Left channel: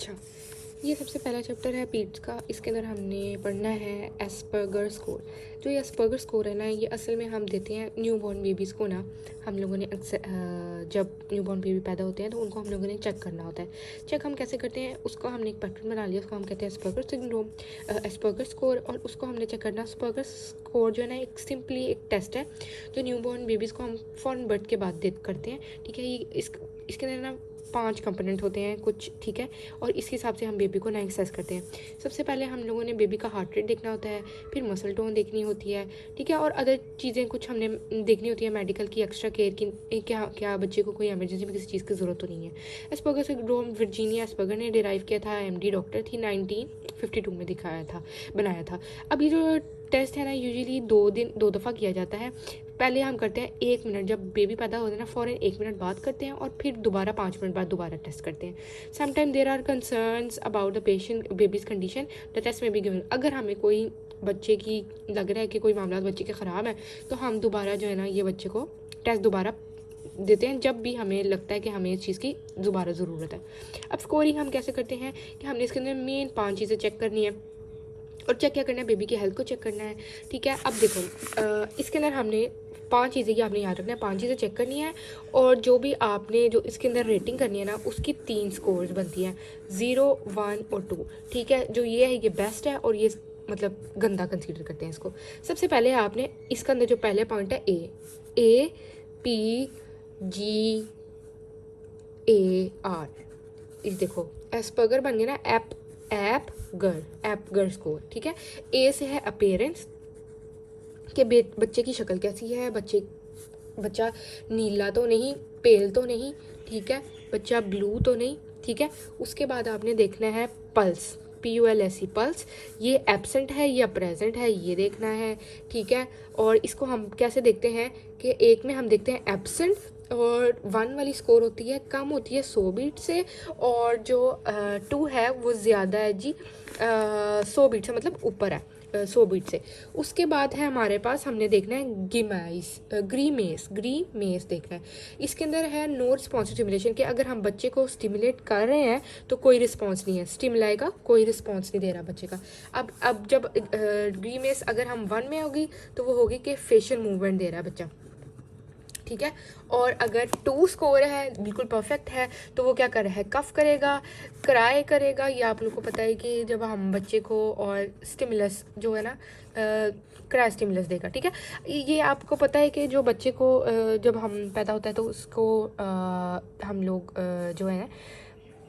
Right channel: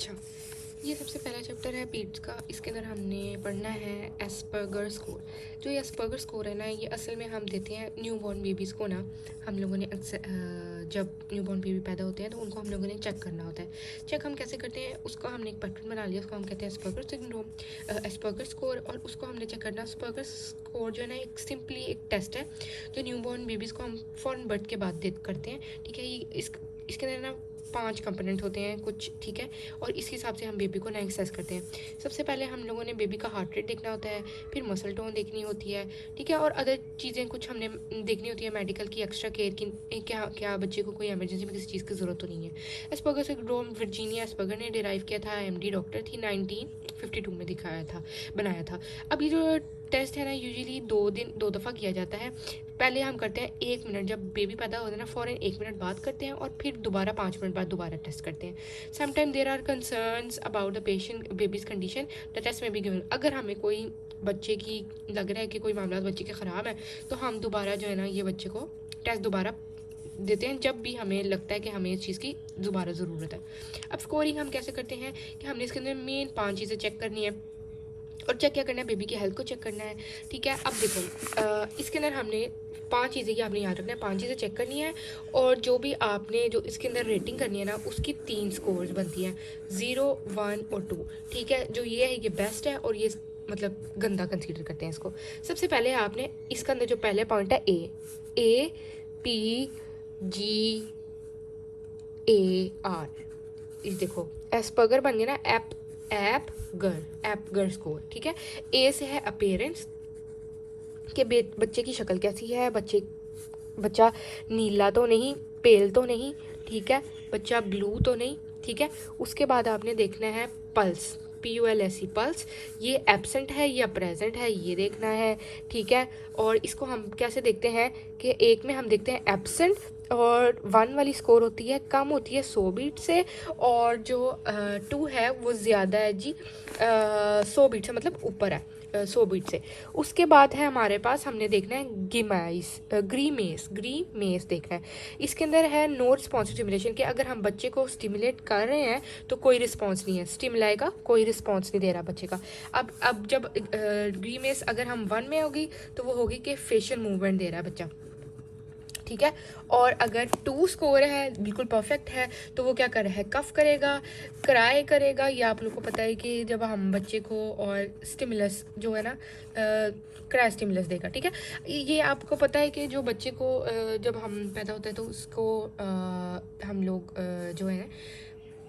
अच्छा, ये सबसे पहला चैप्टर है पीट्स का। इसके अंदर हमने पढ़ना है एस्पर्गर स्कोर। जो ये एस्पर्गर स्कोर है ना, ये असल में हम देते हैं न्यू बॉर्न बेबीज़ को ना। हम लोगों ने जब न्यू बॉर्न बेबी पैदा होते हैं तो उनको हम लोगों ने चेक करना होता है। चेक हम कैसे करते हैं, उसको हमने एक पैटर्न बना लिया, उसको हम कहते हैं एस्पर्गर सिंड्रोम, एस्पर्गर स्कोर। और उसको हमने चेक करना। एस्पर्गर स्कोर जो है ना, एक सिंपली एक टेस्ट है जो न्यू बॉर्न बेबीज़ को हम फ़ौरन बर्थ के बाद करते हैं। ठीक है, ये इसके अंदर ना 5 कंपोनेंट होते हैं कुछ, ठीक है। और इस हिसाब से हम बेबी को ना एक्सेस करते हैं। सबसे पहले हम लोगों ने बेबी का हार्ट रेट देखना होता है, फिर मसल टोन देखनी होती है, ठीक है। और अदर चीज़ें कुछ हमने देखनी होती है मेडिकल की, एक्स्ट्रा केयर की, क्या बच्चे को कोई इमरजेंसी में किसी चीज़ की ज़रूरत तो नहीं है। एस्पर्गर सिंड्रोम वर्जीनिया एस्पर्गर ने डिराइव किया था, एमडी डॉक्टर थी, 1952 में बनाया था। अब ये जो टेस्ट है ना, यूजुअली 2 दफ़ा किया जाता है। पहले हम करते हैं 1 मिनट, जब बेबी पैदा होता है ना फ़ौरन 1 मिनट बाद करते हैं, और फिर दोबारा 5 मिनट बाद दोबारा टेस्ट करते हैं। Sometime there are concerns about the patient babies condition, the test may be given. अगर हमें कोई बच्चे की लग रहा है कि कोई मामला बच्चे के ख़राब है, तो हम दोबारा जो है ना ये बच्चे को टेस्ट दोबारा देते हैं, जब भी हमें लगता है कि हमें इस चीज़ की दोबारा ज़रूरत है। अब स्कोरिंग हम कैसे करते हैं कि हमने इसके अंदर मेन 5 चीज़ें चेक करनी है। और चेक क्या करना है, बेबी की हेल्थ को चेक करना है, ठीक है। अब देखो, इसके अंदर हमने 5 चीज़ें की आपने याद रखना है, 5 चीज़ें चेक करनी है। और जो भी आपने जो इसके अंदर रेटिंग करनी है ना, उसकी 3 स्कोर्स बनती हैं, 0, 1 और 2, ठीक है। जो ये है ये बेस्ट है, और ये मतलब गंदा कंसीडर करते हैं इसको। सबसे पहले आपने इसके अंदर जो पहले पॉइंट है APGAR, इस देखो एस्पर्गर बन गया ना, एपगर स्कोर, ठीक है। ए से है अपेयरेंस के बच्चे की शक्ल कैसी है, बच्चा नीला तो नहीं, पेल तो नहीं, ठीक है, बच्चा ब्लू तो नहीं, ठीक है। उसके बाद आपने देखना है पल्स, PULSE पल्स, ये एब्सेंट है या प्रेजेंट है ये देखना है, ठीक है। और इसको हम कैसे देखते हैं कि एक में हम देखते हैं एब्सेंट, और 1 वाली स्कोर होती है कम होती है 100 बीट से, और जो 2 है वो ज़्यादा है जी, 100 बीट से, मतलब ऊपर है 100 बीट से। उसके बाद है हमारे पास, हमने देखना है ग्रीमेस देखना है। इसके अंदर है नो रिस्पॉन्स स्टिमुलेशन, के अगर हम बच्चे को स्टिमुलेट कर रहे हैं तो कोई रिस्पॉन्स नहीं है, स्टिमुलाई का कोई रिस्पॉन्स नहीं दे रहा बच्चे का। अब जब ग्रीमेस अगर हम 1 में होगी तो वो होगी कि फेशियल मूवमेंट दे रहा है बच्चा, ठीक है। और अगर 2 स्कोर है, बिल्कुल परफेक्ट है, तो वो क्या कर रहा है, कफ करेगा, क्राई करेगा। ये आप लोग को पता है कि जब हम बच्चे को और स्टिमुलस जो है ना, क्राई स्टिमुलस देगा, ठीक है। ये आपको पता है कि जो बच्चे को जब हम पैदा होता है तो उसको हम लोग जो है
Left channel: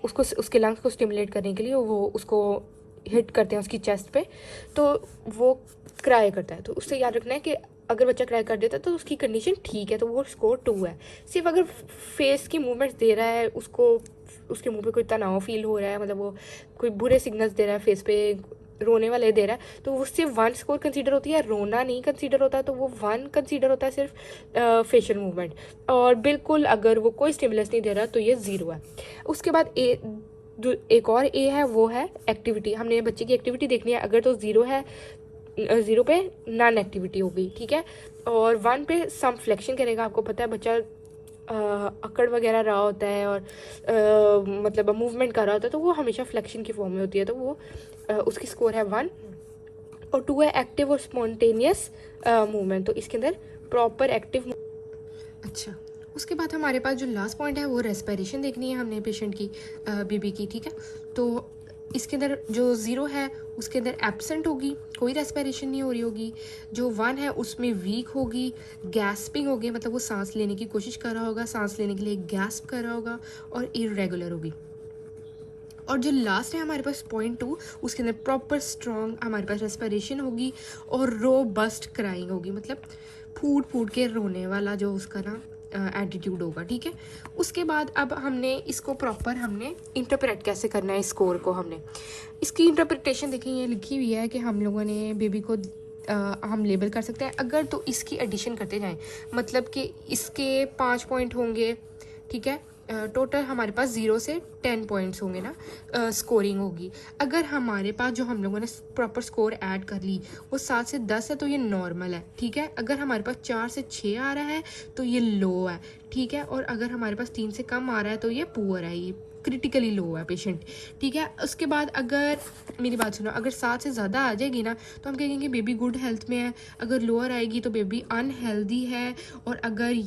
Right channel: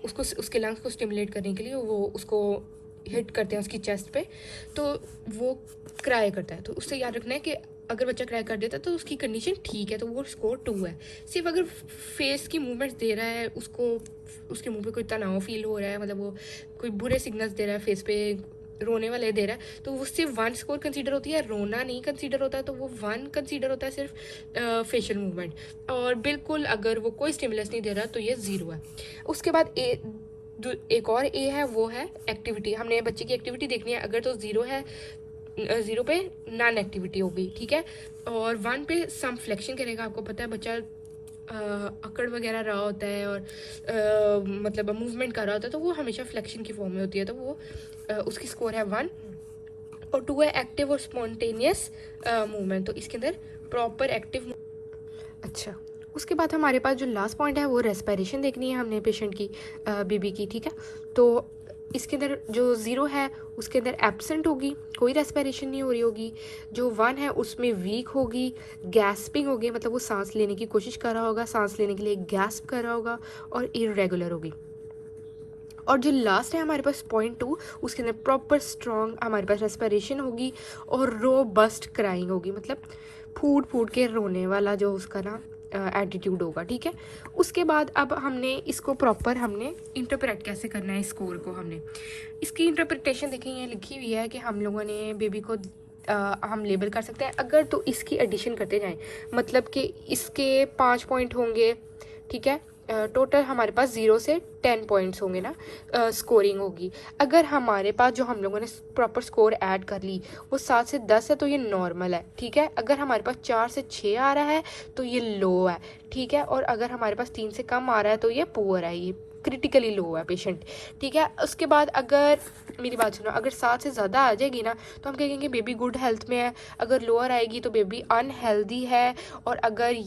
उसको उसके लंग्स को स्टिमुलेट करने के लिए वो उसको हिट करते हैं उसकी चेस्ट पे, तो वो क्राई करता है। तो उससे याद रखना है कि अगर बच्चा क्राई कर देता है तो उसकी कंडीशन ठीक है, तो वो स्कोर 2 है। सिर्फ अगर फेस की मूवमेंट्स दे रहा है, उसको उसके मुंह पे कोई तनाव फील हो रहा है, मतलब वो कोई बुरे सिग्नल्स दे रहा है, फेस पे रोने वाले दे रहा है, तो वो सिर्फ 1 स्कोर कंसीडर होती है, रोना नहीं कंसीडर होता है, तो वो 1 कंसीडर होता है सिर्फ फेशियल मूवमेंट। और बिल्कुल अगर वो कोई स्टिमुलस नहीं दे रहा तो ये 0 है। उसके बाद जो एक और ए है वो है एक्टिविटी, हमने बच्चे की एक्टिविटी देखनी है। अगर तो 0 है, 0 पे नॉन एक्टिविटी होगी, ठीक है। और 1 पे सम फ्लेक्शन करेगा। आपको पता है बच्चा अकड़ वगैरह रहा होता है और मतलब मूवमेंट कर रहा होता है, तो वो हमेशा फ्लेक्शन की फॉर्म में होती है, तो वो उसकी स्कोर है 1। और 2 है एक्टिव और स्पॉन्टेनियस मूवमेंट, तो इसके अंदर प्रॉपर एक्टिव। अच्छा, उसके बाद हमारे पास जो लास्ट पॉइंट है वो रेस्पिरेशन देखनी है हमने पेशेंट की, बेबी की, ठीक है। तो इसके अंदर जो 0 है उसके अंदर एब्सेंट होगी, कोई रेस्पिरेशन नहीं हो रही होगी। जो 1 है उसमें वीक होगी, गैस्पिंग होगी, मतलब वो सांस लेने की कोशिश कर रहा होगा, सांस लेने के लिए गैस्प कर रहा होगा, और इरेगुलर होगी। और जो लास्ट है हमारे पास पॉइंट 2, उसके अंदर प्रॉपर स्ट्रॉन्ग हमारे पास रेस्पिरेशन होगी, और रोबस्ट क्राइंग होगी, मतलब फूट फूट के रोने वाला जो उसका ना एटीट्यूड होगा, ठीक है। उसके बाद अब हमने इसको प्रॉपर हमने इंटरप्रेट कैसे करना है, इस स्कोर को हमने इसकी इंटरप्रिटेशन देखें, ये लिखी हुई है कि हम लोगों ने बेबी को हम लेबल कर सकते हैं अगर तो इसकी एडिशन करते जाएं, मतलब कि इसके 5 पॉइंट होंगे, ठीक है। टोटल हमारे पास 0 से 10 पॉइंट्स होंगे ना, स्कोरिंग होगी। अगर हमारे पास जो हम लोगों ने प्रॉपर स्कोर ऐड कर ली वो 7 से 10 है तो ये नॉर्मल है, ठीक है। अगर हमारे पास 4 से 6 आ रहा है तो ये लो है, ठीक है, और अगर हमारे पास 3 से कम आ रहा है तो ये पुअर है, ये क्रिटिकली लो है पेशेंट, ठीक है। उसके बाद अगर मेरी बात सुनो, अगर 7 से ज़्यादा आ जाएगी ना तो हम कहेंगे बेबी गुड हेल्थ में है, अगर लोअर आएगी तो बेबी अनहेल्दी है, और अगर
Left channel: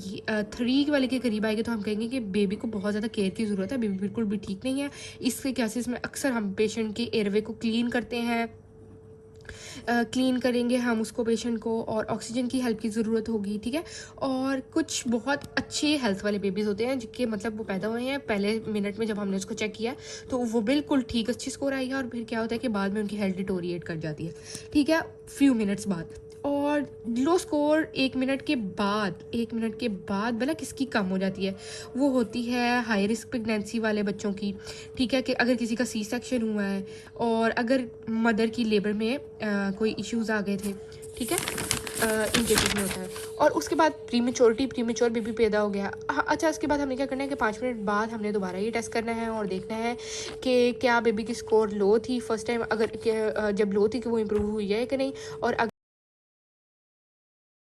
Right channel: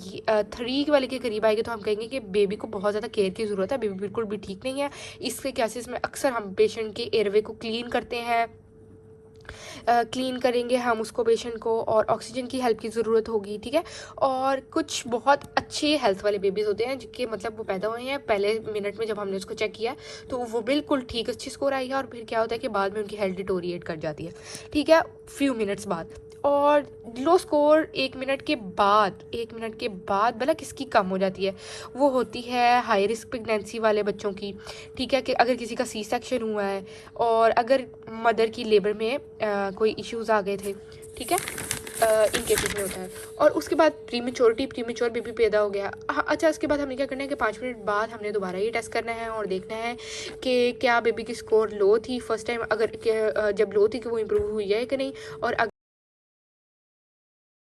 3 वाले के करीब आएगी तो हम कहेंगे कि बेबी को बहुत ज़्यादा केयर की ज़रूरत है, बेबी बिल्कुल भी ठीक नहीं है। इसके केसेस में अक्सर हम पेशेंट की एयरवे को क्लीन करते हैं, क्लीन करेंगे हम उसको पेशेंट को, और ऑक्सीजन की हेल्प की ज़रूरत होगी, ठीक है। और कुछ बहुत अच्छे हेल्थ वाले बेबीज़ होते हैं जिनके मतलब वो पैदा हुए हैं पहले मिनट में, जब हमने उसको चेक किया तो वो बिल्कुल ठीक अच्छी स्कोर आई है, और फिर क्या होता है कि बाद में उनकी हेल्थ डिटोरिएट कर जाती है, ठीक है, फ्यू मिनट्स बाद। और लो स्कोर 1 मिनट के बाद भला किसकी कम हो जाती है, वो होती है हाई रिस्क प्रेगनेंसी वाले बच्चों की, ठीक है, कि अगर किसी का सी सेक्शन हुआ है और अगर मदर की लेबर में कोई इश्यूज आ गए थे, ठीक है, इन केसेस में होता है। और उसके बाद प्रीमेच्योर बेबी पैदा हो गया। अच्छा, उसके बाद हमने क्या करना है कि 5 मिनट बाद हमने दोबारा ये टेस्ट करना है और देखना है कि क्या बेबी की स्कोर लो थी फर्स्ट टाइम, अगर जब लो थी कि वो इम्प्रूव हुई है कि नहीं, और